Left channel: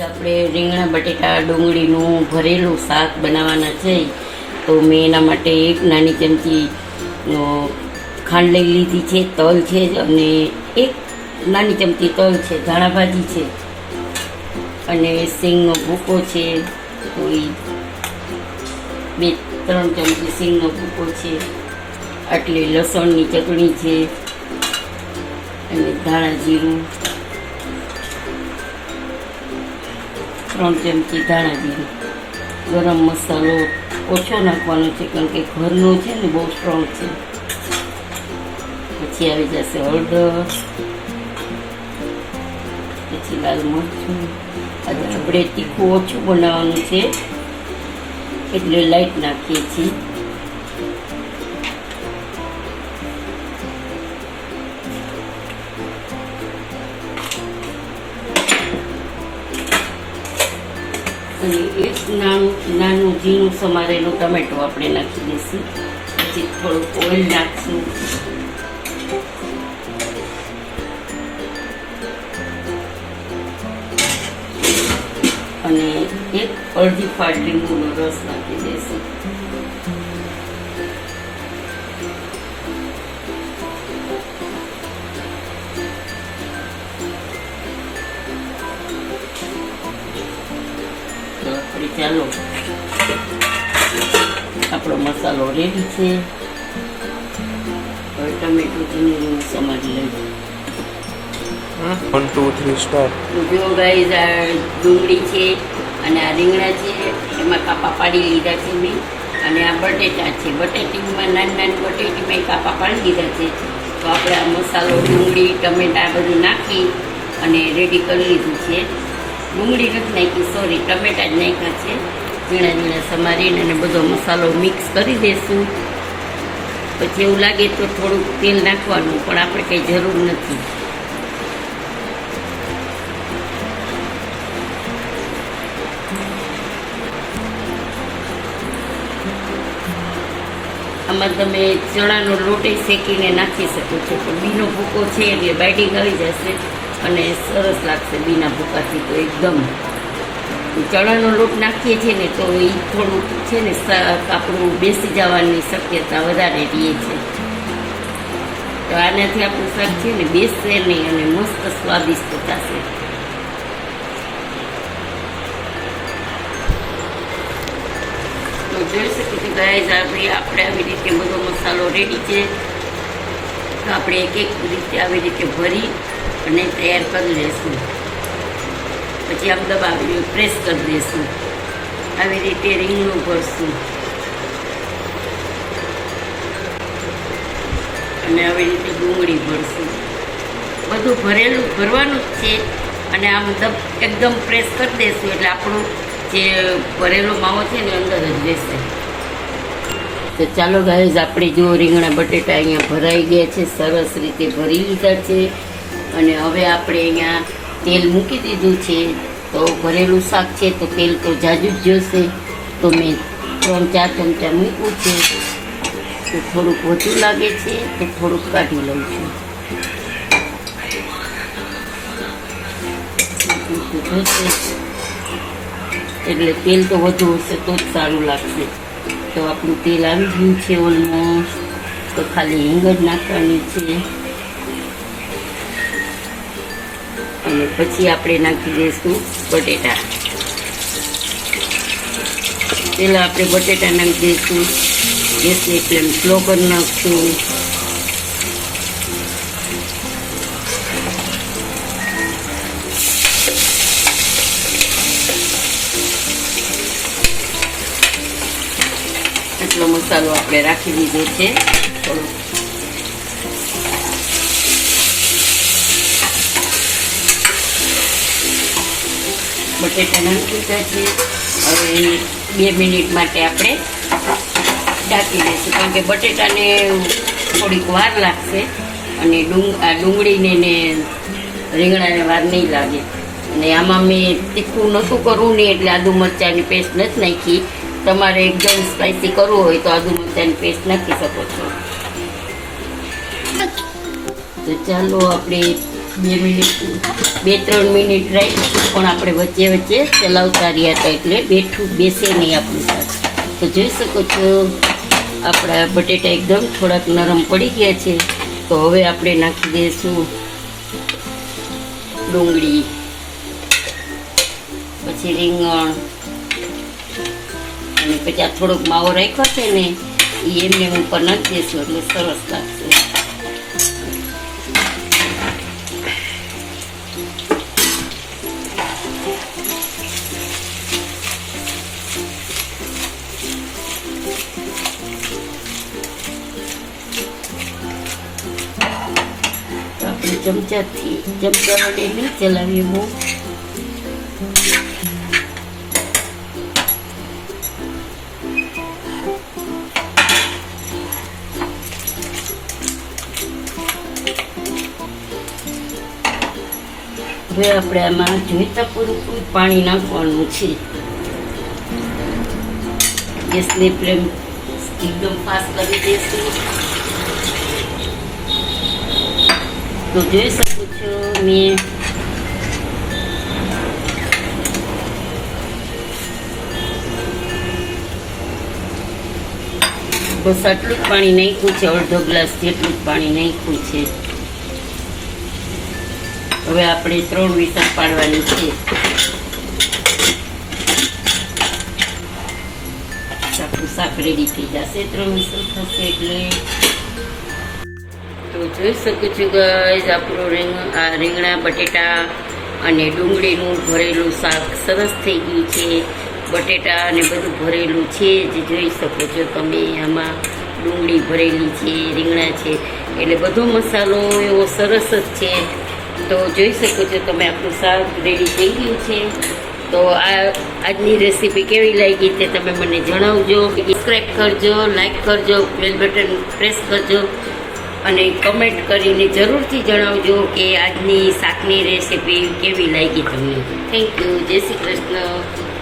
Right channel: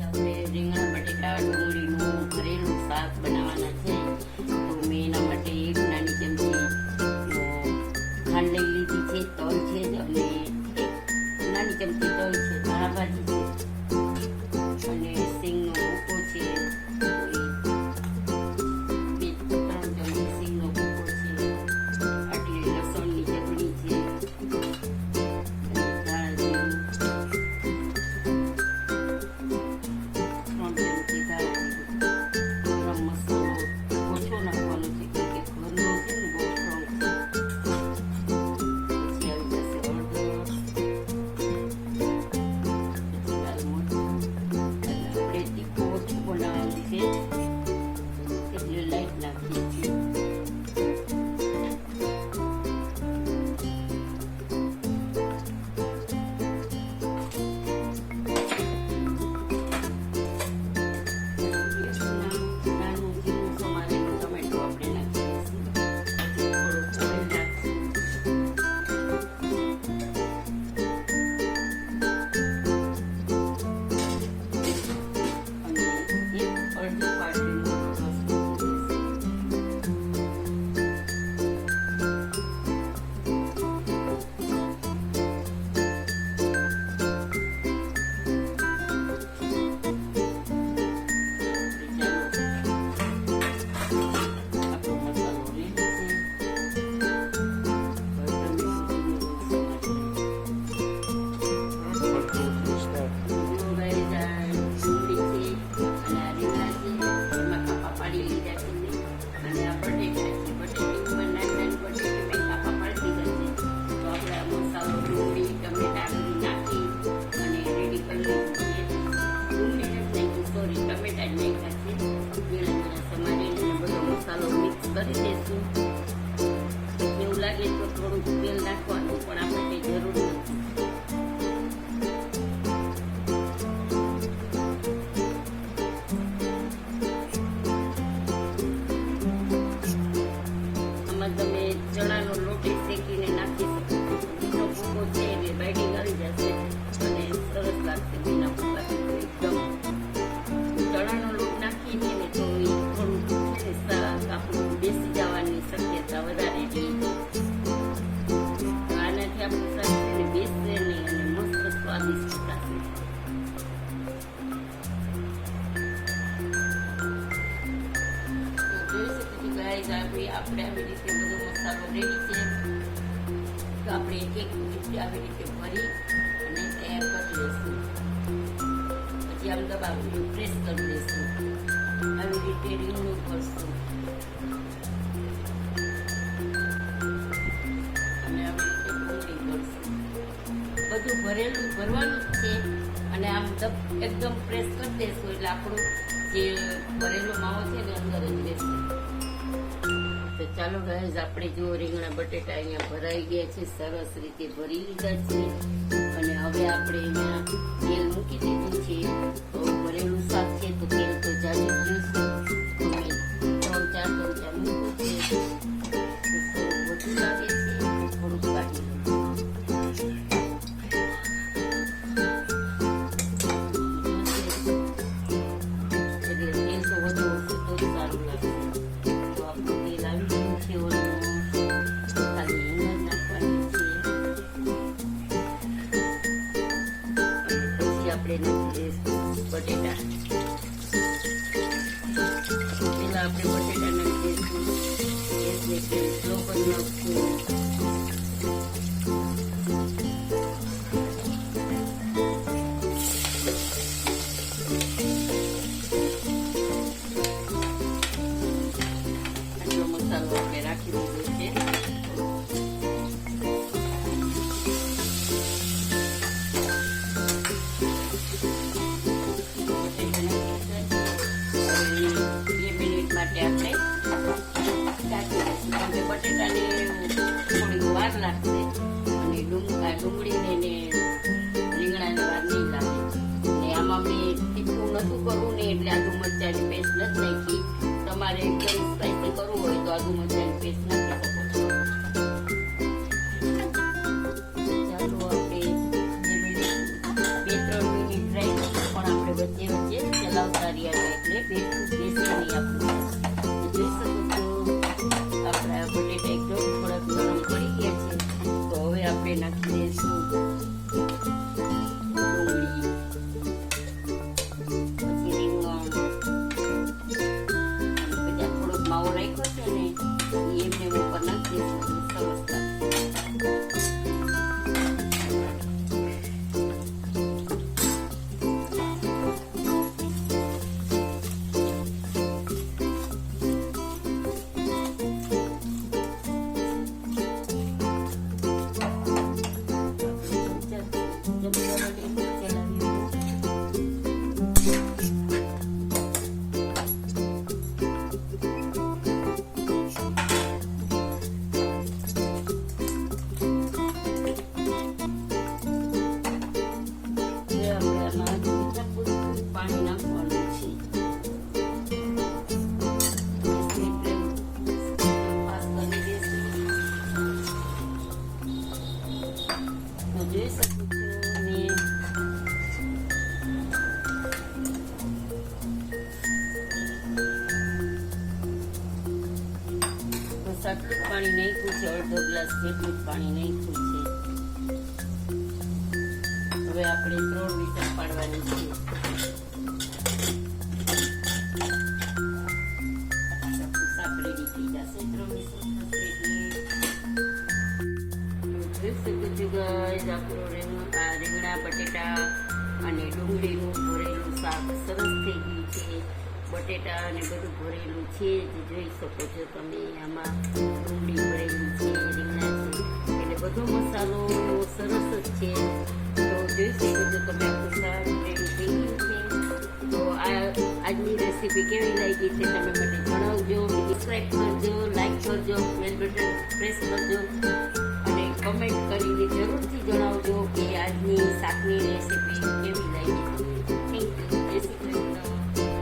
આપણે રીંગણા બટેટા ડુંગળીનું ભરેલું શાક બનાવવાના છે. તો મેં એના માટે એક નાની ચમચી ખાંડ લઈ લીધી છે, તલ છે અને એક નાની ચમચી તલ છે, ધાણા ભાજી છે અને સિંગનો ભૂકો છે. તો એ 2-3 ચમચી સિંગનો ભૂકો છે. આટલી લસણની ચટણી છે અને ધાણા જીરું, 3 ચમચી ધાણા જીરું. ગરમ મસાલો ઓછો નાખવાનો છે કારણ કે ઘરનો છે ને બહુ સ્ટ્રોંગ છે. પછી આવી જશે હળદર, પછી લાલ મરચું. આજે આપણે તીખું ઓછું બનાવવાનું છે એટલે લાઈટ નાખીએ છીએ. અને એક નાનું ઝીણું સમારેલું ટમેટું આપણે નાખી દઈશું. પછી થોડુંક ઓઇલ નાખશું. અને એક અડધી ફાટ લીંબુનો રસ નાખી દઈશું. ચાલો, આપણો મસાલો રેડી છે. હવે ટમેટું ઝીણું સમારી લઈશું. 1 2 3 સ્ટાર્ટ. જો ગાઈઝ, આ ડુંગળી છે અને આ રીંગણા છે, એમાં કાપા પાડી લીધા છે મેં. અને આ બટેટા છે, બટેટીમાં નાની બટેટીમાં કાપા પાડી લીધા છે. તો આપણે આ મસાલો, ડુંગળી, ટમેટા બધું નાખી અને રેડી કરી લીધું છે. ડુંગળી નથી નાખી, સોરી, ટમેટા જ નાખ્યા છે. ઝીણા સમારીને અને બધો મસાલો મિક્સ કરી દઈશું. પછી એવું લાગે તો થોડુંક તેલ નાખવાનું, પણ આપણે કંઈ જરૂર નથી. આમાં તમે ચણાનો લોટ શેકીને નાખી શકો છો, પણ બીનો ભૂકો છે એટલે બાઇડિંગ આવી જશે અને સરસ લાગશે બીના ભૂકાથી. તો એકદમ ચણાનો લોટ નાખીએ છીએ ને તો એ થોડુંક છે ને આપણું બેસી જવાની શક્યતા વધારે રહે છે. તો આનાથી આપણું શાક છે ને બેસશે નહીં અને મસ્ત સ્વાદિષ્ટ થશે. જોઈ શકીએ છીએ ગાઈઝ, આપણે આવી રીતે બધો મસાલો રેડી છે. તો આપણે એક રીતે આવી રીતે ભરી અને તૈયાર કરી લઈશું. પછી આમ દબાવી પ્રેસ કરી દઈશું. આવી રીતે રીંગણું ભરશું અને આવી રીતે ડુંગળી ભરશું. બધું ભરવાનું જ છે. અને આમ એકદમ પ્રેસ કરી દઈશું એટલે આપણું જે ભરેલો માવો છે ને અંદર જ રહેશે. તો ચાલો ગાઈઝ, આપણે જો રીંગણા બટેટા અહીંયા ભરાઈ ગયા છે, સરસ રીતે ભરી લીધા છે. અને હવે આપણે અહીંયા તેલ મૂકી દીધું છે. તો ભરેલું શાક છે તો તેલ તો જાજુ જ જોશે. તો મેં 3-4 ચમચા મૂક્યું છે. તો થોડુંક વધુ લાગે છે તો થોડુંક કાઢી લઉં છું. એટલે તેલ તો વધુ હશે તો જ સારું લાગશે. તો આપણું તેલ આવી ગયું છે ઓલમોસ્ટ. તો ખાલી હિંગ જ નાખવાની છે. અને પછી આપણે નાખી દઈશું બટેટા. પહેલાં આપણે બટેટા નાખી દઈશું. ગેસની ફ્લેમ સ્લો કરી નાખશું. એટલો મસાલો આપણે રાખી દીધો છે. થોડો બટેટા નાખી દીધા છે. હવે 2 મિનિટ માટે આપણે ઢાંકી દઈશું કારણ કે બટેટાને થોડીક વાર લાગશે અને ડુંગળીને ને રીંગણાને વાર નહીં લાગે. અને આમાં મેં તીખું નહોતું કરવું ને એટલે આદુ મરચાંની પેસ્ટ નથી નાખી. તમારે એકદમ સ્પાઈસી કરવું હોય તો આદુ મરચાંની પેસ્ટ નાખી શકો છો. તો ચાલો આપણે 2-3 મિનિટ રાખી પણ આપણે વચ્ચે વચ્ચે ચલાવતા રહ્યા હતા એટલે બેસે નહીં આપણું શાક. તો જોઈ શકો છો આપણા બટેટા એકદમ થોડાક નરમ પડી ગયા છે. તો હવે આપણે નાખી દઈશું ડુંગળી, પછી રીંગણ, અને પછી આ થોડોક માવો રાખ્યો છે ને એ એમને ઉપર નાખી દઈશું એટલે સરસ લાગશે. આપણે ચમચા વડે નહીં ચલાવીએ બહુ. હવે આપણે આમાં જોઈતા પૂરતું પાણી નાખવાનું છે. ગેસની ફ્લેમ એકદમ ફાસ્ટ કરી દઈશું. તો જોઈ શકો છો મેં બસ આટલું જ પાણી નાખ્યું છે, અડધો ગ્લાસ જેટલું જ પાણી નાખ્યું છે. હવે આપણે 3 વિસલ પાડવાની છે. આપણું શાક રેડી થઈ જશે 3 વિસલ થશે એટલે. તો જોઈ શકો છો ગાઈઝ આપણું રીંગણા બટેટા અને ડુંગળીનું ભરેલું શાક સરસ થઈ ગયું છે. બટેટા અને બધું ભરેલું છે જે જોઈ શકો છો તમે. આમાં ડુંગળી ભરેલી છે, રીંગણા છે, એટલે બધો મસાલો એવો સરસ જ છે. તો જોઈ શકો છો તમે આપણું શાક રેડી થઈ ગયું છે. તો આજની રેસીપી કેવી લાગી તે તમે મને જણાવજો. સબસ્ક્રાઈબ કરજો, લાઈક કરજો, બેલ બટન પ્રેસ કરજો અને કમેન્ટ કરીને જરૂરથી જણાવજો કે આજની શાકની રેસીપી કેવી લાગી તમને. Thank you. જય શ્રી કૃષ્ણ.